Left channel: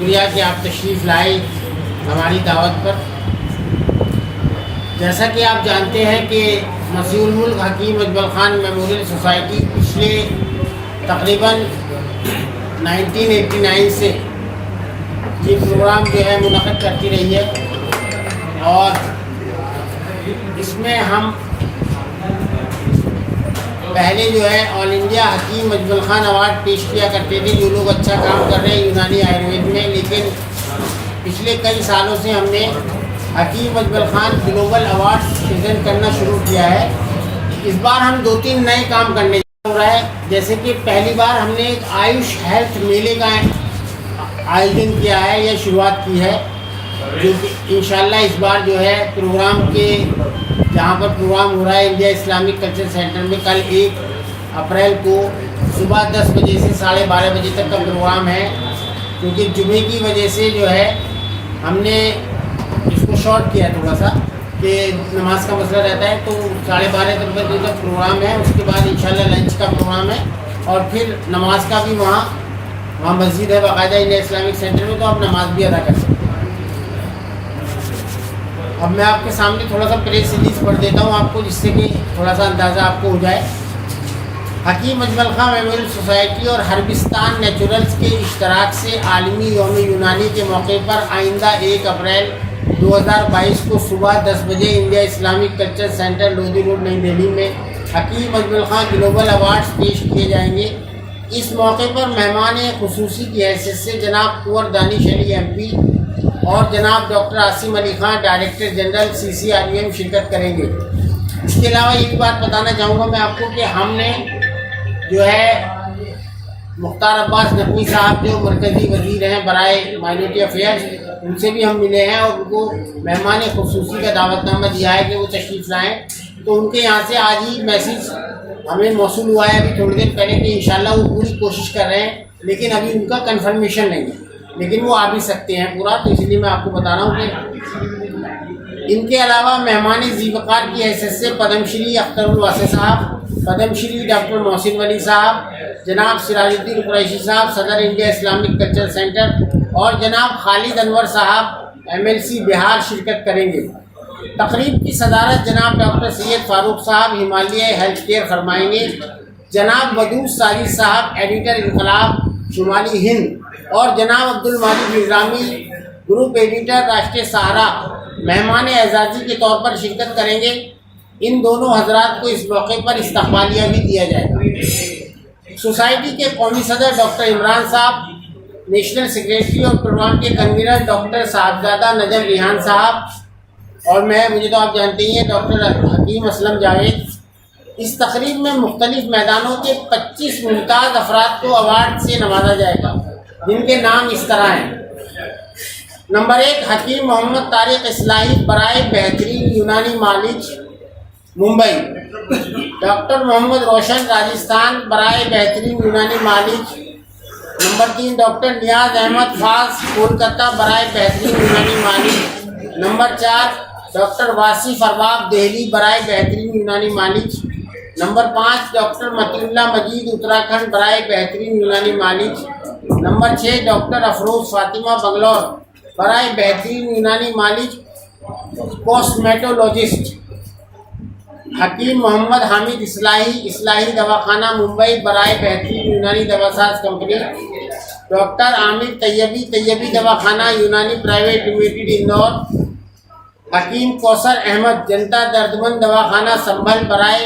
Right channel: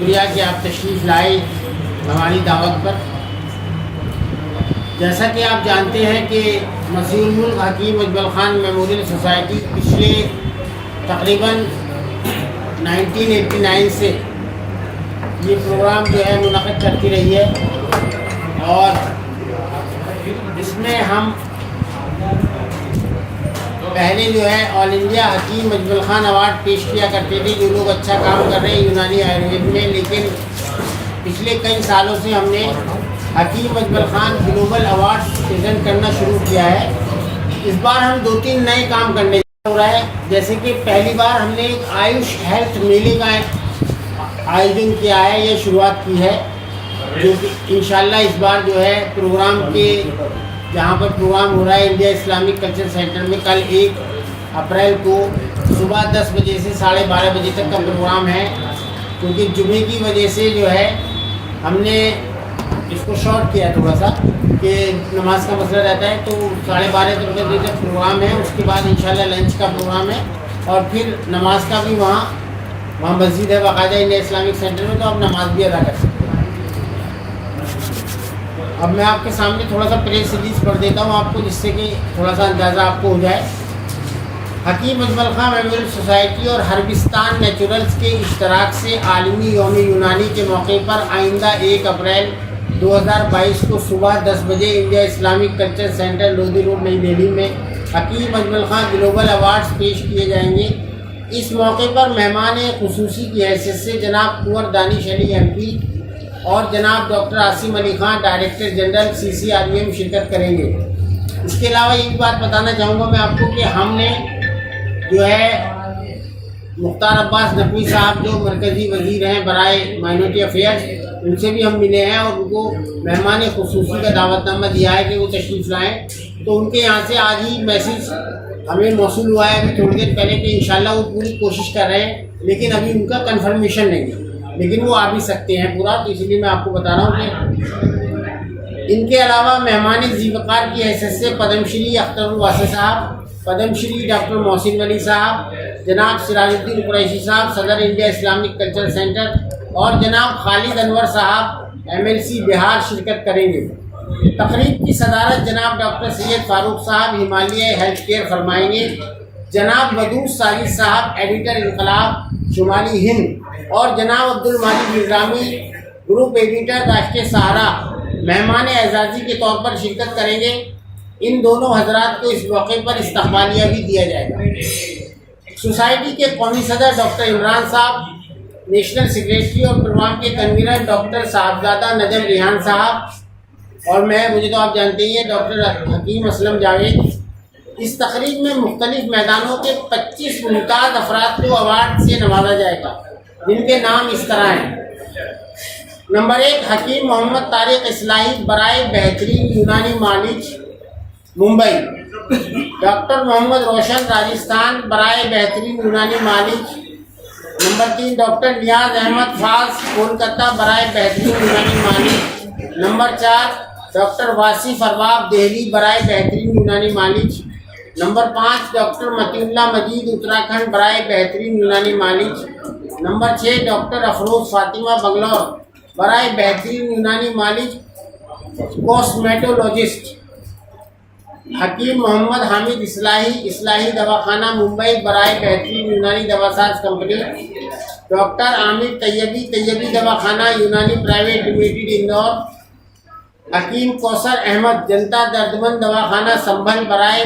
शुक्रिया कि आप तशरीफ़ लाए हमारी दावत पर। जैसा कि आप जानते हैं कि मसीहुल मुल्क हकीम अजमल ख़ान मेमोरियल सोसाइटी पिछले तकरीबन 1989 से ये प्रोग्राम जो है मुनक़िद करती रही है और इसमें हम पहले जो है ऑल इंडिया हकीम अजमल ख़ान अवार्ड पेश किया करते थे, जो लोग अच्छा काम कर रहे हैं यूनानी आयुर्वेद में। लेकिन पिछले कई सालों से हमने Hakim Ajmal Khan global award present करना शुरू किया है। इस बार हम 2-3 नए काम करने जा रहे हैं। जैसे कि पहली बार हमने एक आयुष हेल्थ मेले का आयोजन किया है, यह शुरुआत की है, जो कि इंशाल्लाह इस बार जो है प्रोग्राम के जहाँ पर प्रोग्राम हो रहा है इंडिया इस्लामिक कल्चर सेंटर में, कल 1 अप्रैल को सुबह 10 बजे से 12:30 बजे तक का प्रोग्राम है। क्योंकि जुमे की वजह से जो है हमने इसको शॉर्ट किया थोड़ा सा, कि नमाज का मसला रहता है, तो 12:30 बजे तक प्रोग्राम है। उसके बाद इंशाल्लाह लंच का प्रोग्राम है और फिर नमाज का भी वहाँ मस्जिद है बाकायदा इंडिया इस्लामिक सेंटर में, तो आप नमाज भी अदा कर सकते हैं। अब मैं आपके सामने थोड़ा सा प्रेस रिलीज़ पढ़ देता हूँ आपको, जिससे कि थोड़ा सा अंदाज़ा आपको हो जाए। हकीम अजमल ख़ान मेमोरियल सोसाइटी और हर्बिस्तान नेचुरल्स के इश्तराक से आलमी यौम यूनानी के मौके पर आइंदा 1 अप्रैल 2022 को सुबह 10 बजे India Islamic culture centre Lodhi road नई दिल्ली में हकीम अजमल ख़ान ग्लोबल अवार्ड्स पेश किए जाएंगे। इस मौके पर मेहमान खुसूसी की हैसियत से जनाब कुंवर दानिश अली MP और जनाब doctor Asim Ali Khan director general CCRUM शिरकत करेंगे। इसके अलावा ये भी बात बताना चाहूँगा मैं आपको कि हमने जो है मुख्तार अब्बास नकवी साहब जो मरकज़ी वज़ीर हैं बराए माइनॉरिटी अफेयर्स, उनसे भी हम मिले हैं और उनको मेहमान खुसूसी का दावतनामा दिया है कि वो तशरीफ़ लाएँ। तो उनके यहाँ से आज ही मैसेज हमें मौसूल हुआ है अभी थोड़ी देर पहले कि इंशाल्लाह वो पूरी कोशिश कर रहे हैं, लेकिन अभी उनका कन्फर्मेशन नहीं है, लेकिन वो आ भी सकते हैं पूरा। तो इसलिए मैं आपको बता रहा हूँ कि इनके अलावा मेहमान ज़ीवकार की हैसियत से पद्मश्री अख्तरुल वासी साहब, पद्मश्री डॉक्टर मोहसिन वली साहब, जनाब सिराजुद्दीन कुरैशी साहब सदर इंडिया इस्लामिक कल्चर सेंटर और जनाब खालिद अनवर साहब MLC बिहार शिरकत करेंगे। तकरीब की सदारत जनाब डॉक्टर सैयद फारूक साहब हिमालय हेल्थ केयर फरमाएंगे। जनाब वदूद साजिद साहब एडिटर इनकलाब शुमाली हिंद और जनाब अब्दुल माजिद निज़ामी ग्रुप एडिटर राष्ट्रीय सहारा मेहमान एजाज़ी के तौर पर शिरकत करेंगे। इन दोनों हजरात को इस मौके पर इस्तकबालिया भी दिया जाएगा। सोसाइटी के कौमी सदर डॉक्टर इमरान साहब, नेशनल सेक्रेटरी और प्रोग्राम के कन्वीनर डॉक्टर साहबजादा नजम रिहान साहब और मुझे तो आप जानते ही हैं डॉक्टर हकीम असलम जावेद। इस तकरीब में मुख्तलिफ मैदानों के 25 मुमताज़ अफराद को अवार्ड से नवाजा जाएगा, जिनके नाम इस तरह हैं। नंबर 1 हकीम मोहम्मद तारिक इस्लाही बराए बेहतरीन यूनानी मालिज मुंबई। डॉक्टर मोहम्मद रोशन राजस्थान बराए बेहतरीन यूनानी मालिज। नंबर 3 डॉक्टर नियाज अहमद फाज कोलकाता बराए बेहतरीन यूनानी मालिज। नंबर 4 डॉक्टर वासिफ अरबाब दिल्ली बराए बेहतरीन यूनानी मालिज। नंबर 5 डॉक्टर मतीउल्लाह मजीद उत्तराखंड बराए बेहतरीन यूनानी मालिज। नंबर 6 डॉक्टर अफरोज़ फातिमा बंगलौर बराए बेहतरीन यूनानी मालिज कॉस्मेटोलॉजिस्ट। हकीम मोहम्मद हामिद इस्लाही दवाखाना मुंबई बराए बेहतरीन यूनानी दवासाज कंपनी। डॉक्टर आमिर तैयबी दवाखाना यूनानी प्राइवेट लिमिटेड इंदौर। हकीम कौसर अहमद जनता दर्दमंद दवाखाना संभल बराए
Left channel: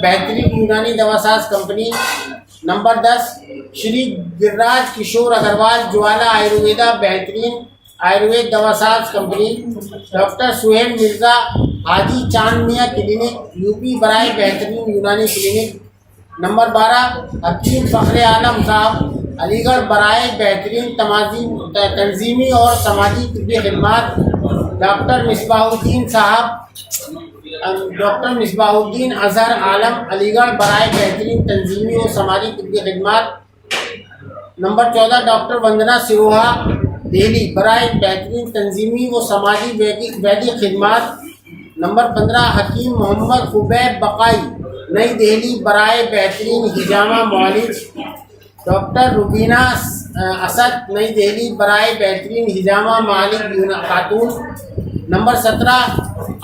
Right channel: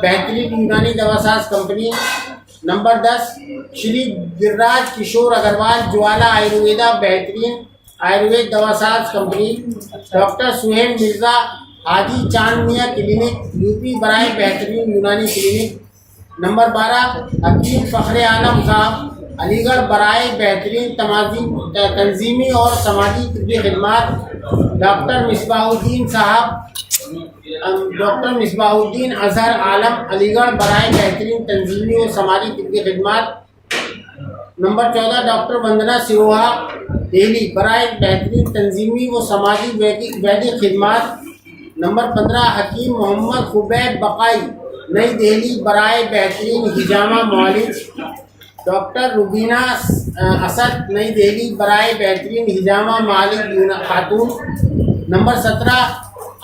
बेहतरीन यूनानी दवासाज कंपनी। नंबर 10 श्री गिरिराज किशोर अग्रवाल ज्वाला आयुर्वेदा बेहतरीन आयुर्वेद दवासाज कंपनी। डॉक्टर सुहेल मिर्ज़ा हाजी चांद मियाँ क्लिनिक UP बराए बेहतरीन यूनानी क्लिनिक। नंबर 12 हकीम फ़ख्र आलम साहब अलीगढ़ बराए बेहतरीन तंजीमी और समाजी तिब्बी खिदमात। डॉक्टर मिसबाहुद्दीन अजहर आलम अलीगढ़ बराए बेहतरीन तंजीमी और समाजी तिब्बी खिदमात। नंबर 14 डॉक्टर वंदना सिरोहा दिल्ली बराए बेहतरीन तंजीमी व समाजी वैदिक खिदमात। नंबर 15 हकीम मोहम्मद खुबैब बकाई नई दिल्ली बराए बेहतरीन हिजामा मॉलिज। डॉक्टर रुबीना असद, नई दिल्ली, बराए बेहतरीन हिजामा मालिक खातून। नंबर 17,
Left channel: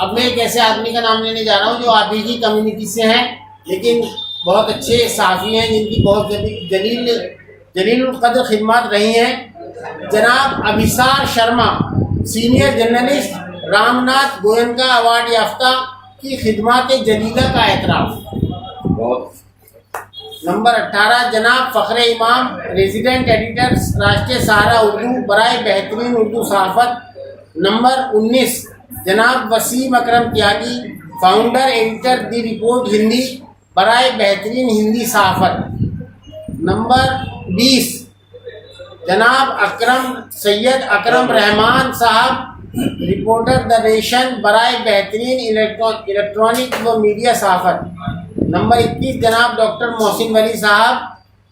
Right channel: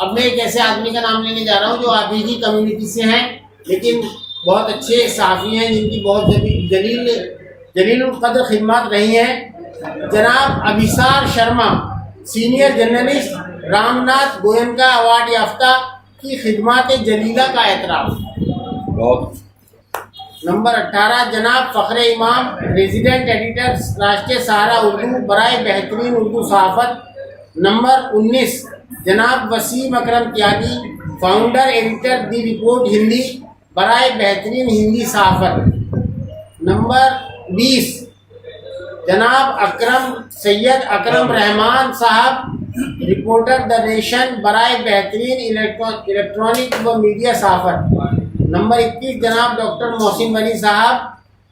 अब मैं एक ऐसे आदमी का नाम लेने जा रहा हूँ जो आप ही की कम्युनिटी से हैं, लेकिन बहुत अच्छे सहाफ़ी हैं जिनकी बहुत जलील कदर खिदमत रही हैं। जनाब Abhisar Sharma, senior journalist, Ramnath Goenka award याफ्ता की खिदमत जलीला का एतराफ़। नंबर 18, जनाब फ़ख्र इमाम, रेजिडेंट एडिटर, राष्ट्रीय सहारा उर्दू, बराए बेहतरीन उर्दू सहाफ़त। नंबर 19, जनाब वसीम अकरम त्यागी, फाउंडर एडिटर दी रिपोर्ट हिंदी, बराए बेहतरीन हिंदी सहाफ़त। नंबर 20, जनाब सैयद अकरम रहमान साहब, रिपोर्टर द नेशन, बराए बेहतरीन इलेक्ट्रॉनिक व मीडिया सहाफ़त। नंबर 21, जनाब डॉक्टर मोहसिन वली साहब,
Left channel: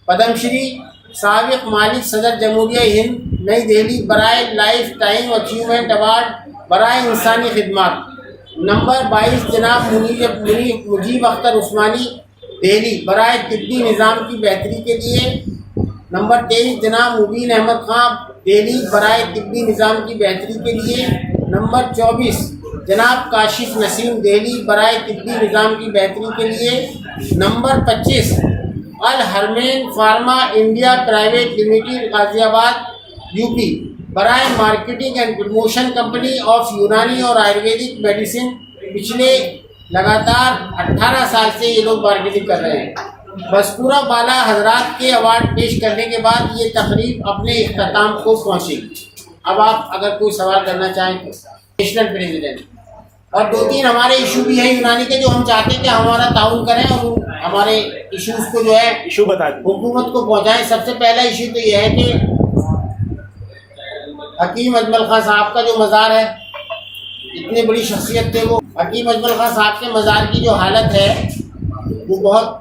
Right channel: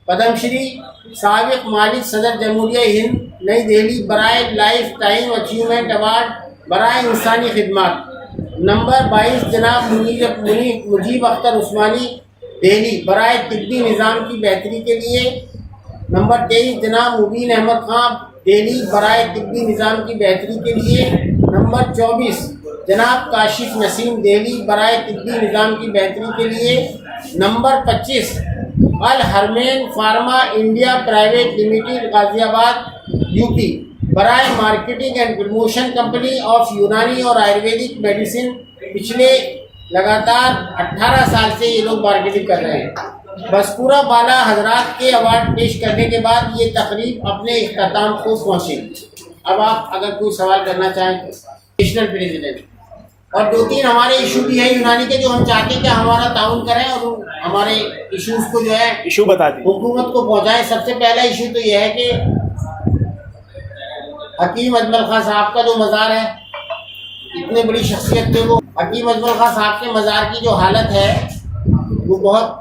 पद्मश्री, साबिक़ मालिक सदर जमहूरिया हिंद, नई दिल्ली, बराए लाइफ टाइम अचीवमेंट अवार्ड, बराए इंसानी खिदमत। नंबर 22, जनाब मुजीब अख्तर उस्मानी, दिल्ली, बराए तिब्बी निज़ाम की बेहतरी के लिए। नंबर 23, जनाब मुबीन अहमद खां, दिल्ली, बराए तिब्बी निज़ाम की बेहतरी के लिए। नंबर 24, जनाब काशिफ नसीम, दिल्ली, बराए तिब्बी निज़ाम की बेहतरी के लिए। Number 25, Al Harmain pharma India private limited, Ghaziabad, UP, बराए marketing and promotion company of Unani और आयुर्वेदिक मेडिसिन। पिछले लगातार 18 साल से ये लोग मार्केटिंग कर रहे हैं। मज़कूरा बाला हजरात के अवार्ड पेश करने के बाद ये तकरीब अपने इख्तिताम को पहुँचेगी। अब आप अगर कोई सवाल करना चाहें तो। नेशनल प्रेसिडेंट और 2-3 हमारे इशू भी है यूनानी के, जो हम चाहते हैं कि हमारा ताउन करें और हमारे इश्यूज को जो है इशू बता दें, हुकूमत को पहुँचाएँ। सबसे पहला इशू तो यह है कि हकीम अजमल खां साहब का जो मज़ार है, इतनी बड़ी शख्सियत थे वो। हकीम अजमल खां साहब के मज़ार की जो हालत है वो बहुत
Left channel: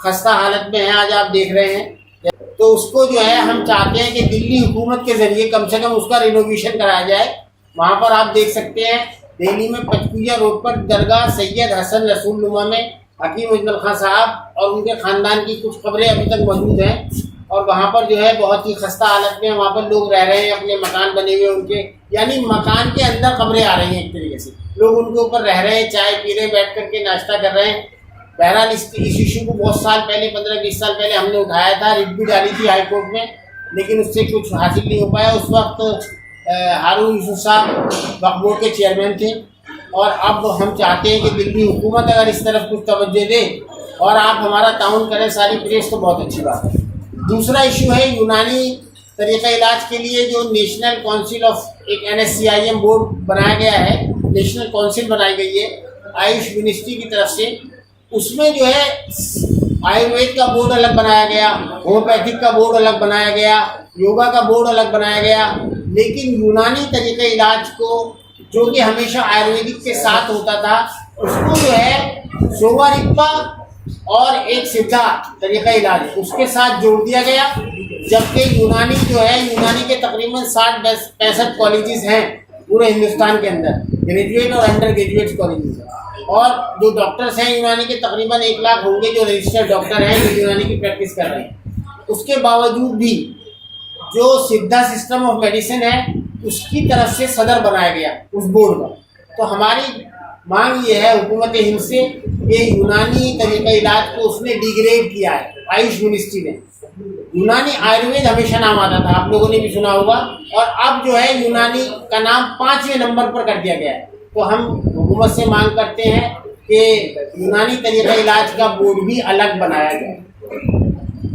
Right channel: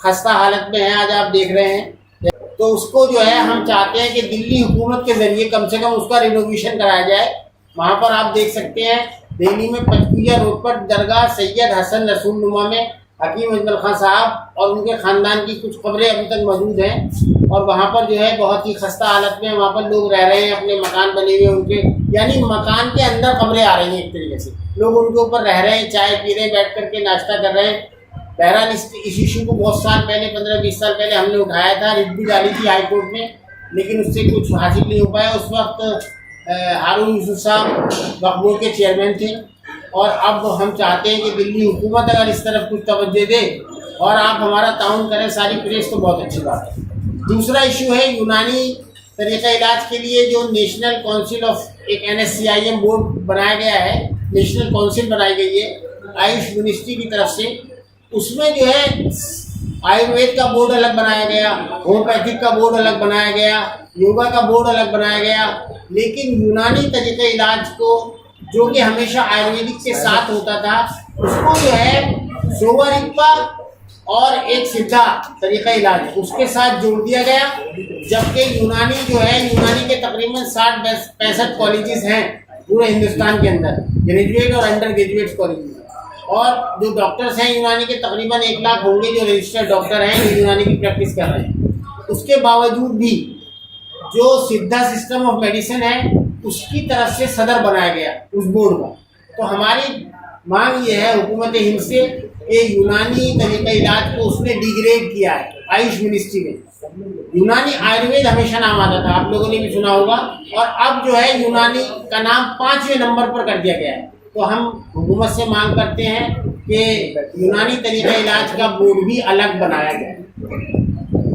खस्ता हालत में है, आज आप देख रहे हैं। तो उसको जो है हम चाहते हैं कि दिल्ली हुकूमत के ज़रिए कम से कम उसका रिनोवेशन कराया जाए। वहाँ पर आप देख सकते हैं दिल्ली में पंचकुइया रोड पर दरगाह सैयद हसन रसूल नुमा में हकीम अजमल खां साहब और उनके ख़ानदान की कुछ कब्रें अभी तक मौजूद हैं और वहाँ पर जो है बहुत ही खस्ता हालत में वहाँ पर लोग रह रहे हैं, अपने मकान बने हुए उनके, यानी मकान के अंदर कब्रें आ रही हैं। एक तरीके से लोग उनके ऊपर रह रहे हैं, चाय पी रहे हैं, बैठ कर के नाश्ता कर रहे हैं। बहरहाल इस इशू को बहुत साल पहले 15-20 साल पहले हमने उठाया था, रिट भी डाली थी हाई कोर्ट में, लेकिन उससे कुछ हासिल नहीं हो पाया। उस वक्त हारून यूसुफ साहब वक्फ बोर्ड के चेयरमैन थे और अब हम चाहते हैं कि दिल्ली हुकूमत अगर इस तरफ कुछ तवज्जो दे और आप हमारा ताउन करें सारी प्रेस, तो बहुत अच्छी बात है। दूसरा इशू है यूनानी तरीक़ा इलाज के लिए जो नेशनल काउंसिल ऑफ एक NSCIM बोर्ड बनाया गया है, नेशनल काउंसिल बनाई गई है आयुष मिनिस्ट्री की तरफ से। उसमें जो है आयुर्वेद का बोर्ड अलग बनाया गया, होम्योपैथिक का बोर्ड अलग बनाया गया, योगा का बोर्ड अलग बनाया गया, लेकिन यूनानी तरीक़े इलाज को जो कि हमेशा आयुर्वेदिक के साथ होता था उसको जो है सोवारिप्पा और एक सिद्धा तरीक़ा इलाज उसके साथ जोड़ दिया गया। जबकि यूनानी जो है, यूनानी के तकरीबन 60-65 कॉलेजेस हैं पूरे हिंदुस्तान के अंदर, ग्रेजुएट और अंडर ग्रेजुएट कॉलेजेस, और जो डॉक्टर्स हैं यूनानी के तकरीबन 1 लाख होंगे जो रजिस्टर्ड डॉक्टर हैं जो यूनानी की प्रैक्टिस कर रहे हैं। उसके बावजूद भी जो सिद्धा सिस्टम ऑफ मेडिसिन है उसकी तरफ से सदर बनाया गया उस बोर्ड का। तो हमारी मांग ये है हुकूमत हिंद से कि यूनानी तरीक़ा इलाज को उसने डिग्रेड किया है आयुष मिनिस्ट्री ने। यूनानी आयुर्वेद हमेशा नाम आता था, आप लोगों ने भी सुना होगा, और अब जो है यूनानी का नाम 5वें नंबर पर कर दिया गया है। तो हम हुकूमत से मांग करते हैं कि यूनानी तरीक़ा इलाज का बोर्ड भी अलग बनाया जाए।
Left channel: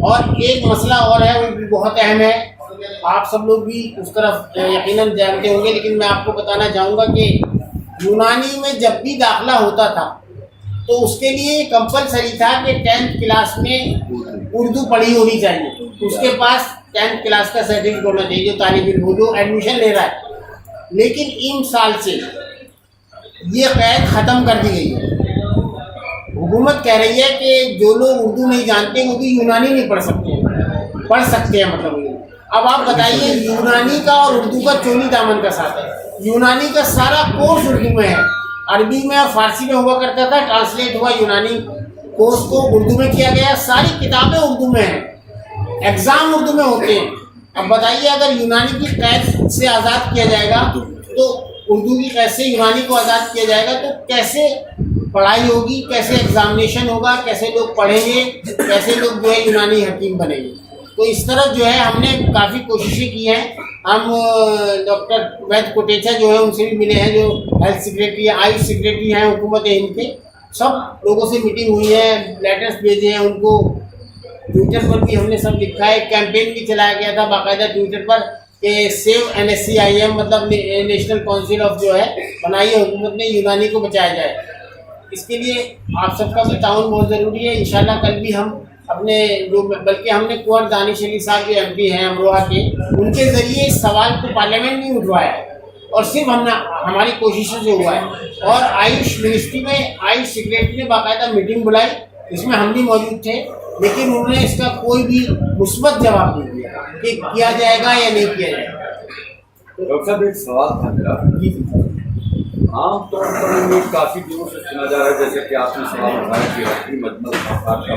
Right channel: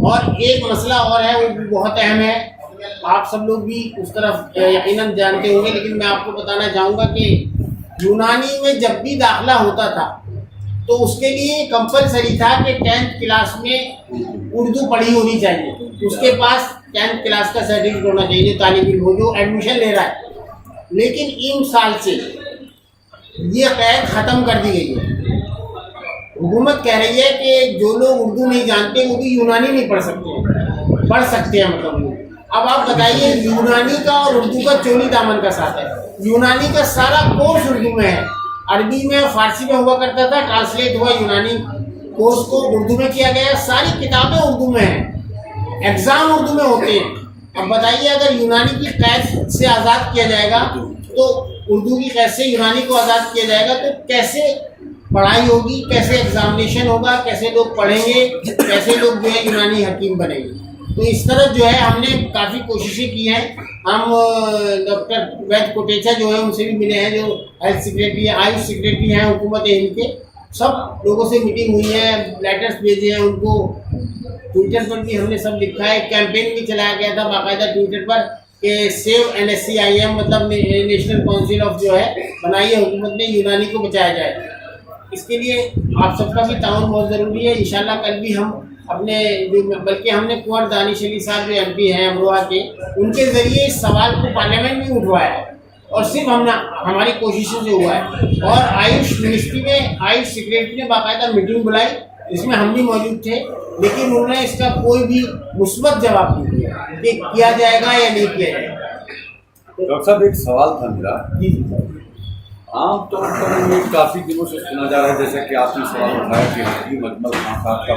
और एक मसला और है, वो भी बहुत अहम है, आप सब लोग भी उस तरफ यकीनन जानते होंगे, लेकिन मैं आपको बताना चाहूँगा कि यूनानी में जब भी दाखिला होता था तो उसके लिए कंपलसरी था कि 10th क्लास में उर्दू पढ़ी होनी चाहिए, उसके पास 10th क्लास का सर्टिफिकेट होना चाहिए जो तालिब इल्म हो, जो एडमिशन ले रहा है। लेकिन इन साल से ये कैद ख़त्म कर दी गई है। हुकूमत कह रही है कि जो लोग उर्दू नहीं जानते वो भी यूनानी नहीं पढ़ सकते हैं मतलब ये। अब आप बताइए, यूनानी का और उर्दू का चोली दामन का साथ है। यूनानी का सारा कोर्स उर्दू में है, अरबी में और फारसी में हुआ करता था, ट्रांसलेट हुआ यूनानी कोर्स को उर्दू में किया गया, सारी किताबें उर्दू में हैं। एग्ज़ाम उर्दू में होते हैं। अब बताइए, अगर यूनानी की कैद से आज़ाद किया जाएगा तो उर्दू की कैद से यूनानी को आज़ाद किया जाएगा तो कैसे पढ़ाई होगी, कैसे एग्जामिनेशन होगा, कैसे लोग पढ़ेंगे, कैसे लोग जो है यूनानी हकीम बनेंगे। तो इस तरह जो है हमने काफ़ी कोशिशें की हैं। हम डॉक्टर वैद्य कोटेचा जो है उनसे भी मिले हैं, जो हेल्थ सेक्रेटरी है, आयुष सेक्रेटरी हैं हुकूमत हिंद के। सब लोगों से मीटिंग हुई है, लेटर्स भेजे हैं उनको, ट्विटर पर भी हमने सब लिखा है। कैंपेन भी चलाया गया था बाकायदा ट्विटर पर कि सेव NSCIM, मतलब नेशनल काउंसिल ऑफ जो है बनाई है हुकूमत ने, यूनानी को बचाया जाए। इसके लिए आप सबका भी ताउन बहुत ज़रूरी है। इंशाल्लाह कल भी हम अपने जो, बल्कि हमने कुंवर दानिश अली साहब जो MP हैं अमरोहा के, उनके ज़रिए इस सवाल को पार्लियामेंट में उठवाया है और सिर्फ हमारी कोशिशों से हुआ है। और आयुष मिनिस्ट्री में आयुष सेक्रेटरी ने बाकायदा मीटिंग बुलाई, इसमें हम भी मौजूद थे, लेकिन उन्होंने इसका कोई भी मुस्बत जवाब नहीं दिया कि किया जाएगा या नहीं किया जाएगा। डॉक्टर साहब, एक सवाल था मेरा। जी आमतौर पर ये काफ़ी दिनों से सुना जा रहा है, जैसे कि आपने सवाल उठाया कि हकीम अजमल खान साहब का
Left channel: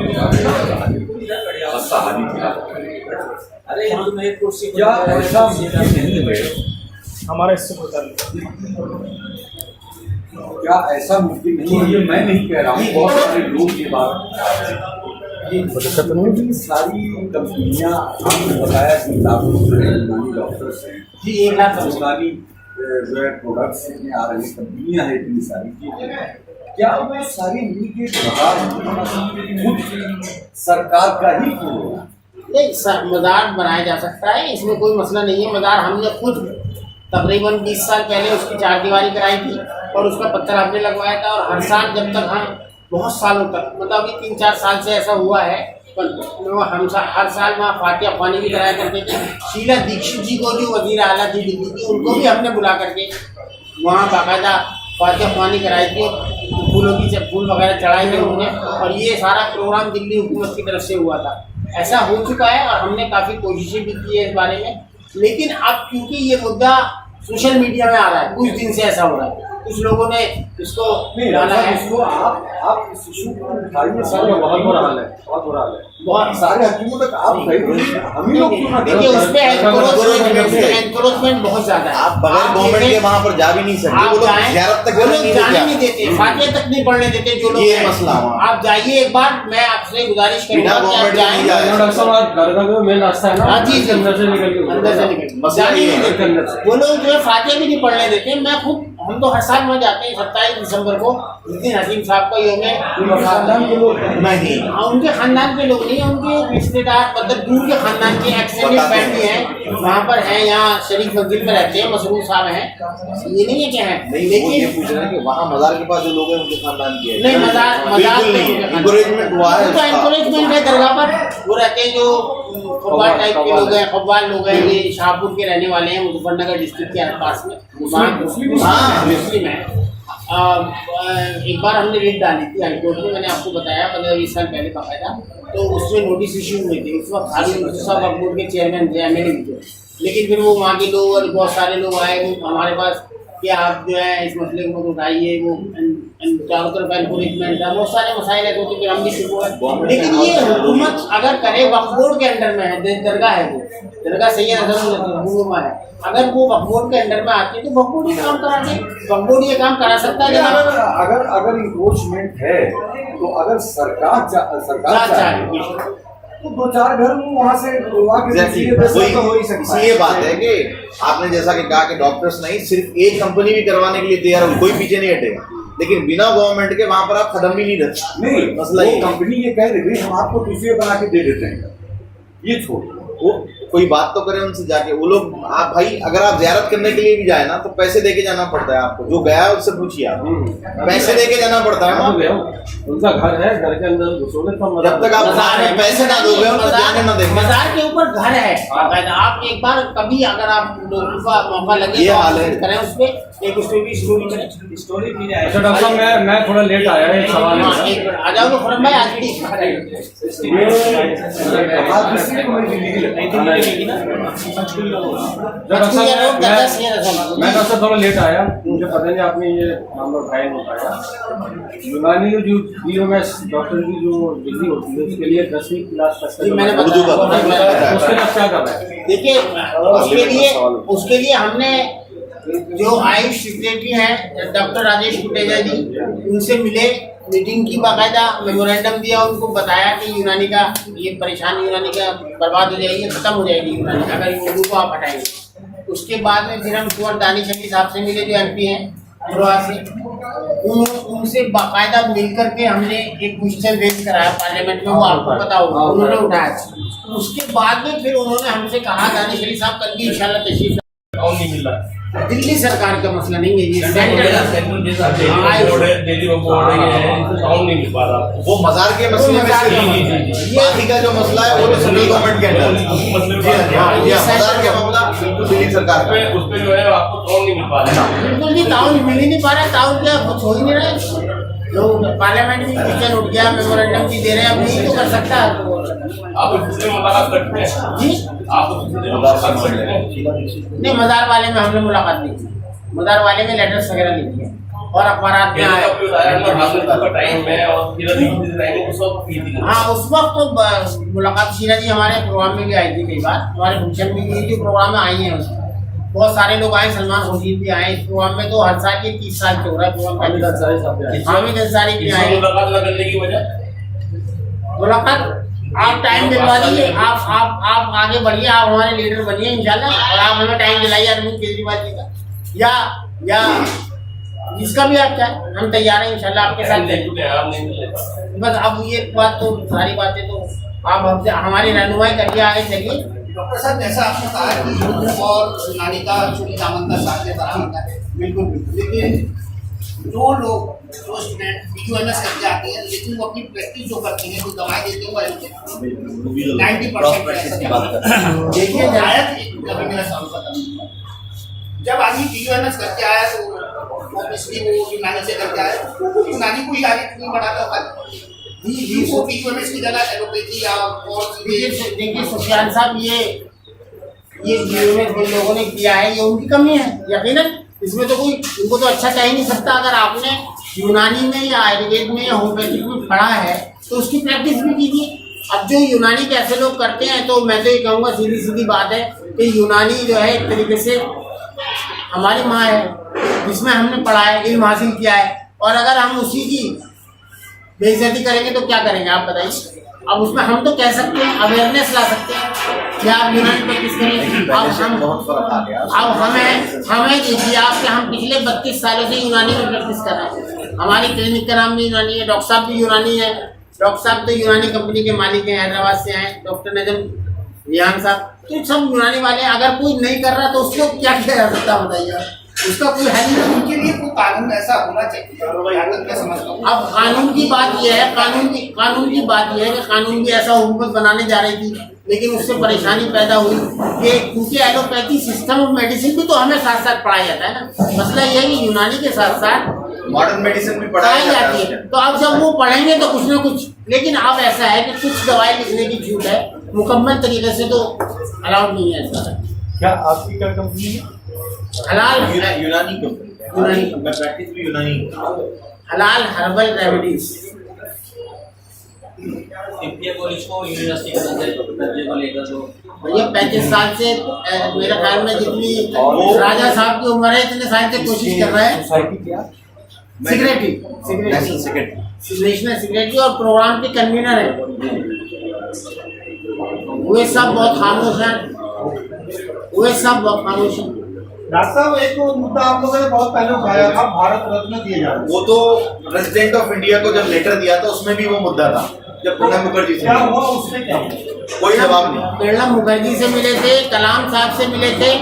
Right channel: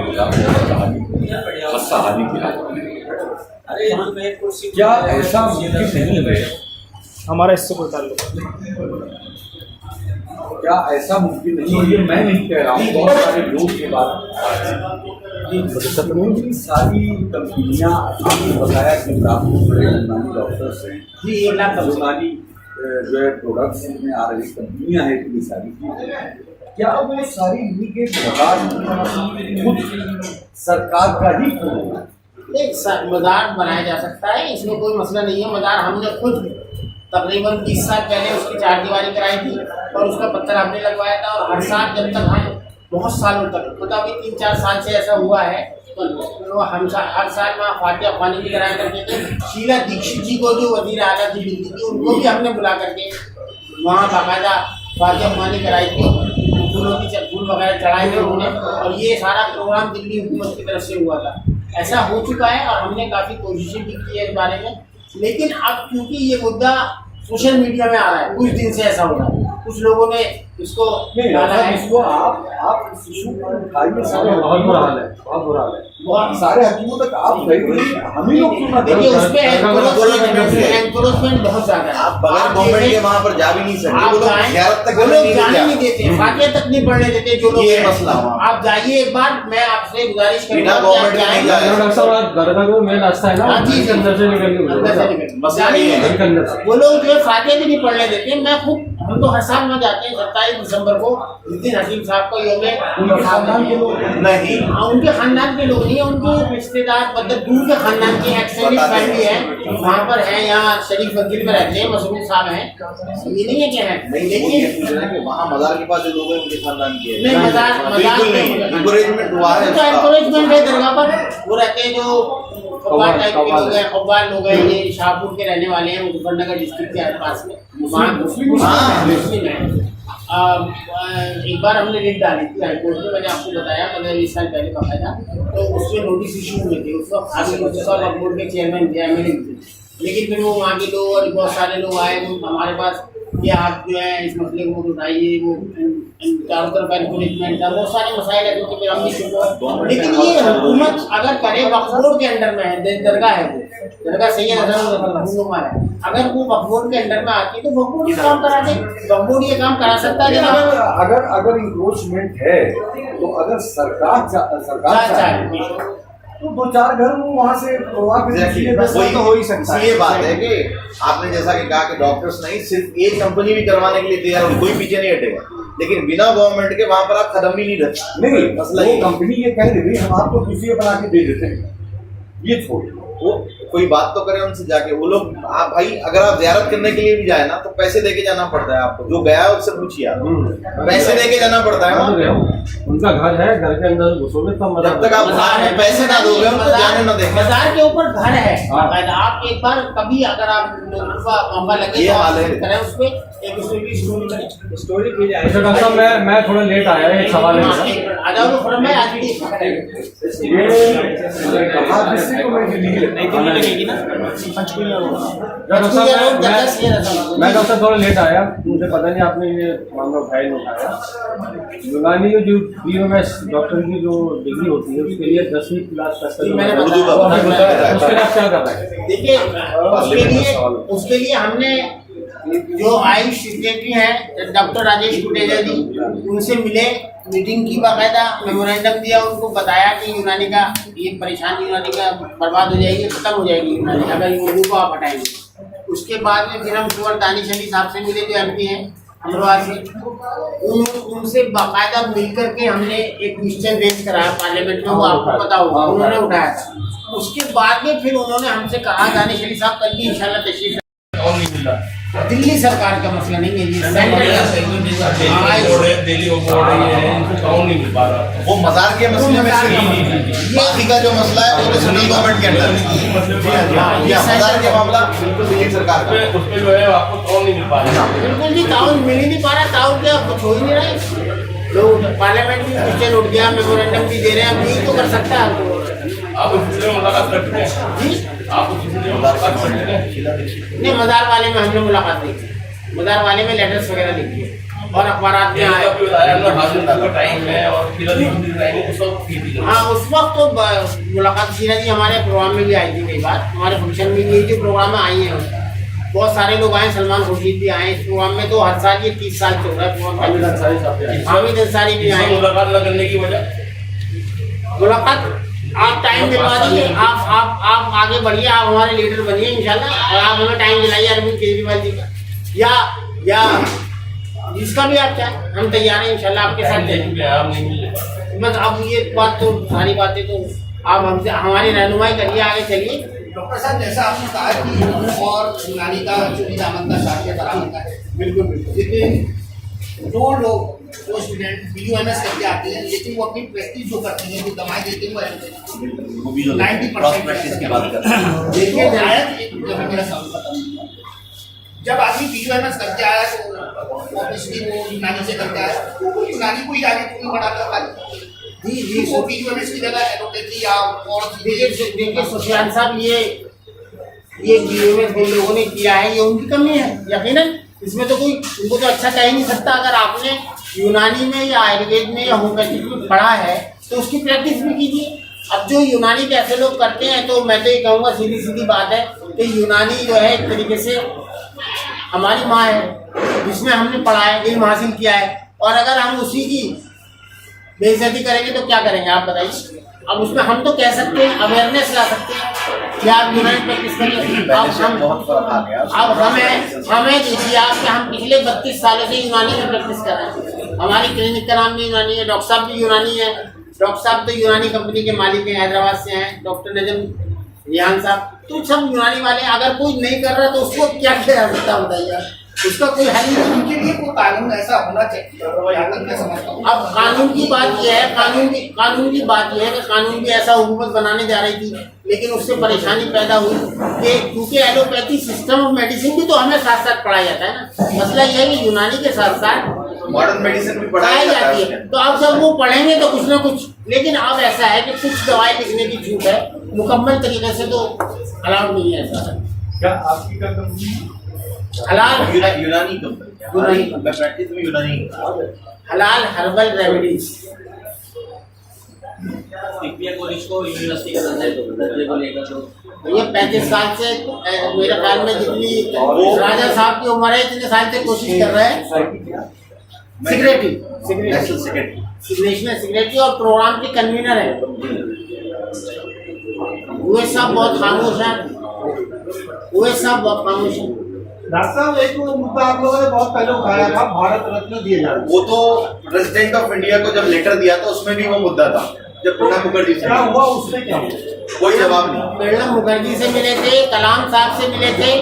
क्या ऐसा मुमकिन नहीं है? हमारा इससे कोई ताल्लुक क्या ऐसा मुमकिन नहीं है? ये मैं नहीं कह रहा हूँ, बहुत सारे लोग ये बात सारी कंपनियाँ, आपने बताया कि लाखों यूनानी डॉक्टर्स हैं जी, 1 लाख यूनानी जो है प्रोडक्ट्स में आ रही कंपनियां हैं इतनी सारी, क्या वो सारी मिलके खुद सरकार का ही होगा? नहीं, मज़ार बनाया जा सकता है, इसमें कोई मसला नहीं है। मज़ार हमने खुद तकरीबन 20 साल पहले उसकी 4 दीवारी कराई थी और उसका पत्थर हमने लगवाया था। और हर साल जब तक हम बहुत सालों तक, मतलब अभी 3-4 साल से ऐसा हुआ है, हम हर साल वहाँ फातिहा ख्वानी भी कराया करते थे। शीला दीक्षित जी को, जो वज़ीर आला थी दिल्ली की, उनको भी हमने बुला करके वहाँ बाकायदा फातिहा ख्वानी कराई थी, फूल वगैरह चढ़ाए थे उन्होंने। और ये सारा प्रोग्राम दिल्ली हुकूमत की तरफ से हुआ था। ऐसा हो चुका है और हमने काफ़ी कोशिशें भी की है इस बारे में। लेकिन अब क्योंकि ये मुद्दा सोशल मीडिया में आ रहा है, कुछ दिन से ऐसा हो रहा है, कुछ लोगों ने इसको डाला है। इसको आप इस इशू को उठाइए, सारे बहुत बुरा हाल है, बहुत बुरा हाल है, बहुत सारे हकीमों तक आप गए, हम ही लोग देखिए उस पे एनक्रोचमेंट बहुत ज़्यादा है। आप बगैर गवर्नमेंट के वहाँ पर जा भी नहीं सकते, वो लोग ज़ियारत तक जाने नहीं देते, फातिहा तक नहीं पढ़ने देते जो लोग। ये मसला आप जाइए एक बार, मैं आपसे गुजारिश करूँगा गवर्नमेंट में वो लोग जो है फातिहा भी नहीं पढ़ने देते। मैं खुद, हम तो हर साल वहाँ जाते हैं 27 दिसंबर को, जिस दिन हकीम साहब का योम नहीं, उनके खानदान के लोग नहीं, उनके रिश्तेदार, मतलब दूर के खानदान के एक्सटेंडेड फैमिली है, वहाँ पर हैं, यहाँ शरीफ मंजिल में रहते हैं, मसरूर साहब हैं, ये नहीं है क्या है। लेकिन ये पूछ रहे हैं कि वहाँ मज़ार के पास जो लोग हैं उनके खानदान के नहीं, मज़ार बिल्कुल नहीं है, इंकरेजमेंट हुआ है, तो एनकरेजमेंट है। दरगाह पर वो रहते हैं जो कव्वाल टाइप के लोग हैं, कव्वाल लोग हैं, ये शाहपुर के रहने वाले हैं, मुजफ्फरनगर डिस्ट्रिक्ट के आसपास में, वहाँ मुस्लिम है। एक बार हमने रिट डाली थी हाईकोर्ट में, मैंने आपको बताया 15-20 साल पहले बाकायदा, तो उसमें नोटिस इशू हुए थे। उस वक्त हाजी मुफ्ती साहब वक्फ बोर्ड के चेयरमैन थे, MLA भी थे। लेकिन फिर वो वहाँ के लोग और बहुत सारे लोग आए हमारे पास कि आप जो है इस मसले को मत उठाइए, वो चारों तरफ एनकरेजमेंट था, बहुत सारे मसाइल है, क्योंकि फिर हम भी चुप हुए। लेकिन ये हुकूमत अगर करे, वक्फ बोर्ड के अंडर में है, दरगाह है, वो दरगाह सैयद हसन है, अगर वो वक्फ बोर्ड के अंडर में आती है तो वक्फ बोर्ड ये काम करा दे, वक्फ बोर्ड ये काम करा सकता है। अगर इंक्रोचमेंट है तो अगर सरकार चाहे तो 2-4 घर वहाँ से ये बात है कि आपने जैसा कि कहा कि डॉक्टर्स नहीं, सिर्फ एक कंपनी भी करवाने के लिए तैयार हो, कोई पीछे नहीं हटेगा, लेकिन बिना गवर्नमेंट के वहाँ पर आप कदम भी नहीं रखते। नहीं, मसला ये कंपनी ये कह रही हम आपको दूसरे बना के दे देते हैं, ये छोड़ वो कोई बात तो करें उनसे जाके। वो लोग, आप भाई अगर आप ज़ियारत करने के लिए भी जाए ना तो पैसे देके जाना पड़ता है आपको, जो गया है उससे पूछिए आप, पैसे देके जाना पड़ता है वहाँ। उनका घर है, घर के अंदर घुसोगे तब, जब तक आप पैसे ना दोगे उनको जाने ना देंगे। मज़ार के ऊपर घर है बाकायदा। आप एक बार कभी अगर आप लोगों का मौका लगे तो आप करें उस पर, एक उसमें भी स्टोरी करें। स्टोरी की जाए। अच्छा डॉक्टर साहब मैं थोड़ा लेट आया, एक सवाल है हाँ, मेरा। एक मिनट आ जाओ फॉर्म में आज भी ये मैं डॉक्टर थोड़ा लेट आया, मुझे पता नहीं आपने ये मामला उठाया नहीं उठाया। यूनानी जो बीओएमएस डॉक्टर की जो डिग्री होती है उसके लिए 10वीं क्लास तक जी, मैंने उर्दू का बताया। उसके लिए आप क्या कर रहे हैं? देखिए उसके लिए हमने जो आयुष सेक्रेटरी हैं डॉक्टर राजेश कुटेजा जी, उनसे मिले, मीटिंग की, बाकायदा मेमोरेंडम दिया, उनको बताया कि यूनानी का ये परेशानी यूनानी का बर्बाद हो जाएगी, खत्म हो जाएगी यूनानी अगर उर्दू को आप हटाएंगे। उसके बाद में फिर हम कुंवर दानिश अली साहब से मिले जो एमपी हैं अमरोहा से, उनसे बाकायदा मिल करके हमने एक क्वेश्चन रेज कराया पार्लियामेंट में, वो आपको पता होगा, उन्होंने उठाया। उसके बाद में फिर उन्होंने हमसे कहा दानिश अली साहब कल की इंशाल्लाह तशरीफ, और नहीं मिल रहा। दिल्ली सरकार का मसला नहीं है ये, सेंट्रल का दिल्ली बोर्ड है, इनको काउंट नहीं मिल पा रहा। वो मजार के मसले में से बाकी का जो मसला है वो सेंट्रल गवर्नमेंट के अंडर है। ये मजार का मामला बिल्कुल दिल्ली सरकार का है। उस पे जो है आपको काउंट नहीं मिल पा रहा। बिल्कुल भी ताउन मिल ही नहीं पा रहा। ताउन क्या कुछ हो ही नहीं रहा है। लोग पार्लियामेंट की किचन उठ गया, मेमोरेंडम भी दे रहे हैं, अब नहीं तो कर सकता है। आप उस सिलसिले में मुलाकात करते हैं? जी आप उस सिलसिले में मुलाकात करते हैं? नहीं, मजार वाले में हमने मुलाकात नहीं की, मजार वाले में लेटर्स वगैरह लिखे और अखबारात में आए। हाँ, उस वक्त तो मुलाकात शीला जी हमारे प्रोग्राम में भी आई थी, कई बार हमारे फंक्शन में भी, जो प्रोग्राम में आई हैं बहुत सारे लोग आए, सलमान खुर्शीद भी आए इस प्रोग्राम में। तो हर साल ये 30 साल से हो रहा है प्रोग्राम। हामिद अंसारी भी आए। मुलाकात न करने की वजह? मुलाकात आप टाइम दिलवा दीजिए, आप आगे बढ़िए, आप हमारे लीडर बनिए इंशाल्लाह, और आप हमें टाइम दिलाइए अरविंद केजरीवाल जी का या जिसका भी आप चाहें, हम तैयार हैं इंशाल्लाह आपके साथ। बस अब ये बात तो सारी बातें तो आप हमसे हमारी रहनुमाई करिए, आगे चलिए। डॉक्टर साहब, जैसा आपने कहा कि उर्दू और यूनानी का चोरी दामन का साथ बराबर है, बिल्कुल बिल्कुल, लेकिन जो लोग जो स्टूडेंट बीयूएमएस करके आते हैं, लेकिन वो अपनी प्रैक्टिस जो करते हैं, जो दवाएं देते हैं, वो 90% की बात करते हैं। देखिए मेरा सवाल खत्म। जब आदमी बीयूएमएस करके आया तो ऑब्वियसली वो यूनानी से करके आया, तो वो यूनानी को ही आगे क्यों बढ़ाता था? जी वो बीयूएमएस की जगह एलोपैथी या और देखिए सुफियान साहब, ये बीयूएमएस जिन लोगों ने किया है ये उनकी कमी है यकीनन। इसमें तो कोई उनको तो अच्छा कह ही नहीं सकता। अगर आपने यूनानी में या आयुर्वेद में या होम्योपैथिक में पढ़ा है तो उसकी प्रैक्टिस भी कीजिए। अब जो यूनानी के ऐसे लोग करते हैं, तो मैं तो ये कहूँगा सीधी सीधी बात है कि यूनानी जो है एक तरीके से हमारी माँ है, जिसमें हमने पढ़ा है, इल्म हासिल किया है, और अगर हम उसी की बेइज्जती करेंगे तो क्या करेंगे आप बताइए। अब उसमें हम तो कह सकते हैं, अवेयरनेस ला सकते हैं कि आप यूनानी प्रैक्टिस करिए। अब हमें देखिए आप कि हम पिछले 32 सालों से यूनानी में प्रैक्टिस कर रहे हैं। हमारी क्लिनिक का नाम भी यूनानी है, डॉक्टर साहब भी यूनानी है। डॉक्टर साहब तो यूनानी कंपनी के मालिक हैं, हैदराबाद से हैं, डॉक्टर नजम रिहान साहब, तो सब यूनानी वाले। अगर कोई नहीं कर रहा तो उसको क्या किया जा सकता है बताइए, उसका कोई हल नहीं। उनके लिए कोई कानून ऐसा होना चाहिए, मैं समझता हूँ। अब कानून की बात यह है, कानून की बात यह है कि कानून भी ऐसा हुकूमत बनाने जा रही थी, लेकिन उससे परेशानी पैदा हुई कि क्योंकि एलोपैथी सिस्टम ऑफ मेडिसिन भी तो हमें साथ साथ पढ़ाया जाता है ना। मसला यह है कि यूनानी के साथ साथ मॉडर्न मेडिसिन भी पढ़ाई जाती है। तो अब जब वो पढ़ेंगे तो कुछ ना कुछ, लेकिन अब ऐसा है कि कुछ दवाई लिखने की छूट है, मुकम्मल तरीके से तो अलाउड नहीं है ऐसा। क्या आपकी क्या कंपनी है? हलाल यूनानी कंपनी, मैं प्रैक्टिस भी यूनानी हलाल हर्बल रेमेडीज। इंडिया कॉलेज को यूनिवर्सिटी का दर्जे को लेकर जो भैया 35 साल से मेरे ख्याल में जितनी राजा साहब की उम्र है इतने साल से कोशिश कर रहे हैं। सेक्रेटरी नेशनल सेक्रेटरी और प्रोग्राम के कन्वीनर है। वे सब बहुत खामोश हैं, वे सब बहुत खामोश हैं। डॉक्टर साहब, एक मुद्दा आप लोगों ने बहुत पहले उठाया था, भारत रत्न दिए जाना। वो तो प्रेसिडेंट ऑफ इंडिया को जब लेटर दिया था उसमें भी वो मुद्दा था। जब प्रणब मुखर्जी से क्या हुआ उसमें, क्या कोई जवाब नहीं। प्रणब मुखर्जी से मिले थे, कलाम साहब से मिले थे,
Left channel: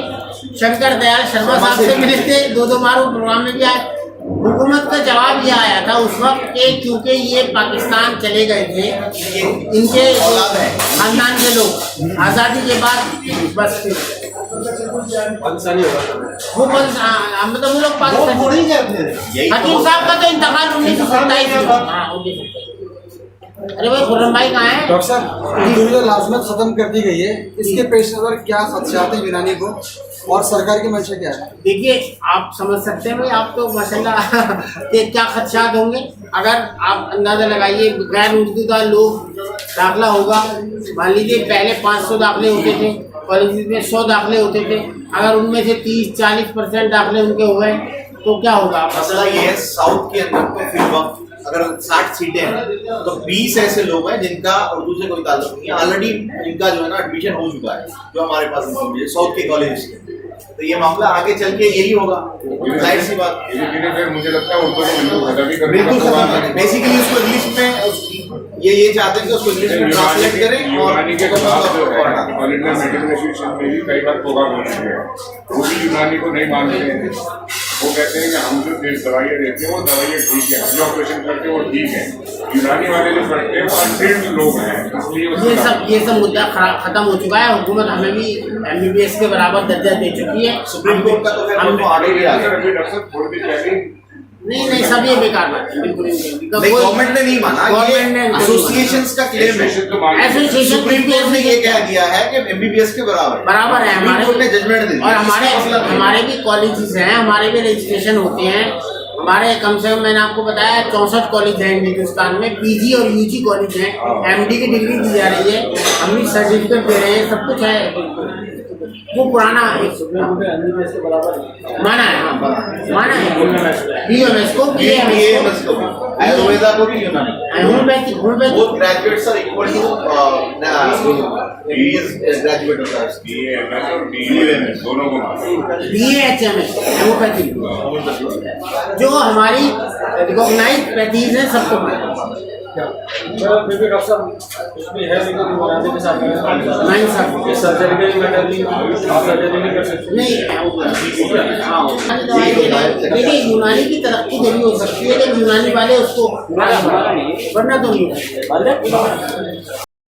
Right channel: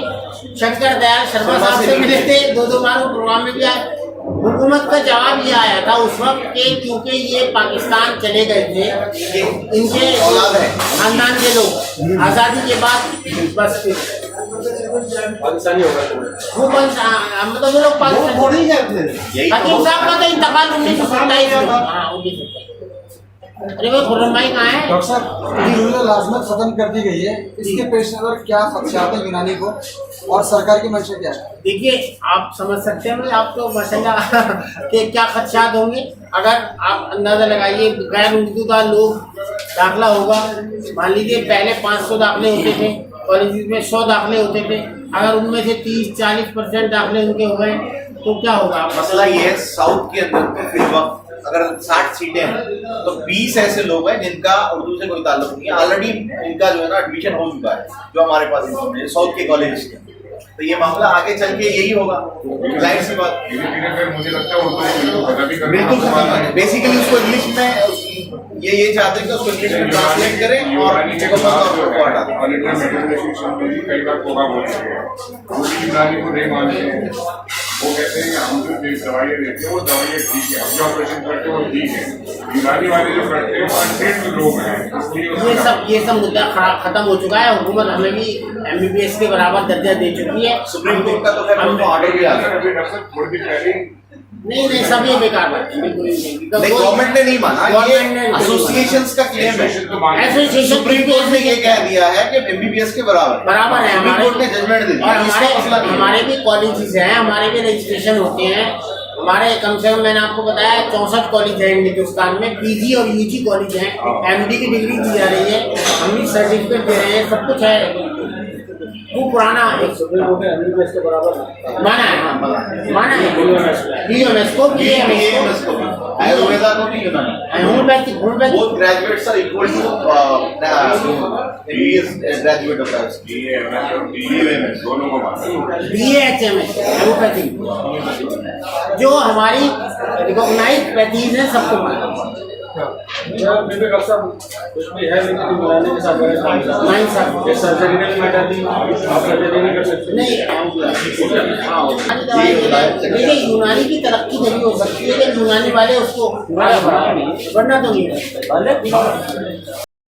शंकर दयाल शर्मा साहब से मिले थे, दो बार वो प्रोग्राम में भी आए। हुकूमत का जवाब ये आया था उस वक्त के क्योंकि ये पाकिस्तान चले गए थे, इनके खानदान के लोग आज़ादी के बाद बस फिर पाकिस्तानी होगा। वो मतलब वो लोग पाकिस्तानी यही तो हकीम साहब का तो इंतकाल 1927 में। हाँ 1927। अरे भाई खुर्रम भाई कहाँ है? डॉक्टर साहब जो लाजमत खत्म कर दी गई है, इसके पेश नज़र क्या खदशात हैं यूनानी को और सरकार की मंशा क्या है? देखिए आप समझ सकते हैं भाई, आप तो माशाल्लाह के क्या खदशात होंगे। अगर आप अंदाज़ा लगाइए गैर उर्दूदार लोग दाखिला होगा, मान लीजिए पहले 500 दाखिले होते थे कॉलेज में, 100 दाखिले होते थे, अगर उनमें से 30-40% दाखिले उनके हो गए तो क्या होगा? मसला ये है साउथ के अंदर में फिर वक्त अगर 60 सीटें हैं तो 20 ऐसे लोग हैं जिनका उर्दू से कोई ताल्लुक नहीं है, ऑलरेडी इनका जो है ना एडमिशन हो चुका है, जो हमारे पास इंफॉर्मेशन साउथ के कॉलेज के। तो ये मामला आगे चल के यही होगा, जाहिर सी बात। फिर मुझे लगता है उनको खत्म ही करना बिल्कुल खत्म है। बेसिकली उसको इंग्लिश में ये चाहते हैं कि उसको इंग्लिश में ट्रांसलेट करें और में भी कई बार प्रोग्राम हो चुके हैं, उसी यूनानी को नहीं मानते हैं। वो कहते हैं कि हम जो दवाइयाँ देते हैं वो दवाइयाँ ठीक है, हम जो ऑपरेशन करते हैं वो ठीक है, यूनानी वाले जो करते हैं वो अनट्रेन्ड लोग हैं, इसलिए ये सब मुद्दा खत्म हो चुका है। हुकूमत हमें भी MBBS के बराबर दर्जा दे चुकी है। सुप्रीम कोर्ट का तो खैर ऑर्डर भी आ गया। डॉक्टर थोड़ी देर पहले नहीं सब ये बेकार बात है, बिल्कुल गवर्नमेंट ने नहीं माना, ये एसोसिएशंस का क्लेम है। एसोसिएशन सुप्रीम कोर्ट ने ये कह दिया है कि MBBS के बराबर है हमारे कोर्ट ने जजमेंट दे दिया। और हमारे भी कॉलेजेस हैं, हमारे भी रजिस्ट्रेशन होते हैं। हमारे कम से कम मैंने आपको बताया 64 कॉलेज हैं हिंदुस्तान में, PG और UG कॉलेज हैं, MD की डिग्री दी जा रही है, हम भी सर्टिफिकेट दे रहे हैं, सब कुछ है। वो पुराना MBBS के बराबर माना है, हाँ माना है UMS को, BAMS को, आयुर्वेदा को भी Unani, homeopathy both graduates are equal to MBBS graduate होता है। BAMS और BAMS दोनों को माना। BAHMS होम्योपैथी जो हमारी रिकॉग्नाइज्ड पैथीज है, सबको माना। फिर भी डॉक्टर साहब उसमें है लेकिन बनाने के साथ नहीं साहब सर्जरी मैटर आप सर्जरी नहीं कर सकते। नहीं देखिए यूनानी की तरक्की जरूर हो सकती है, लेकिन यूनानी वाले उसको वरना तो नहीं।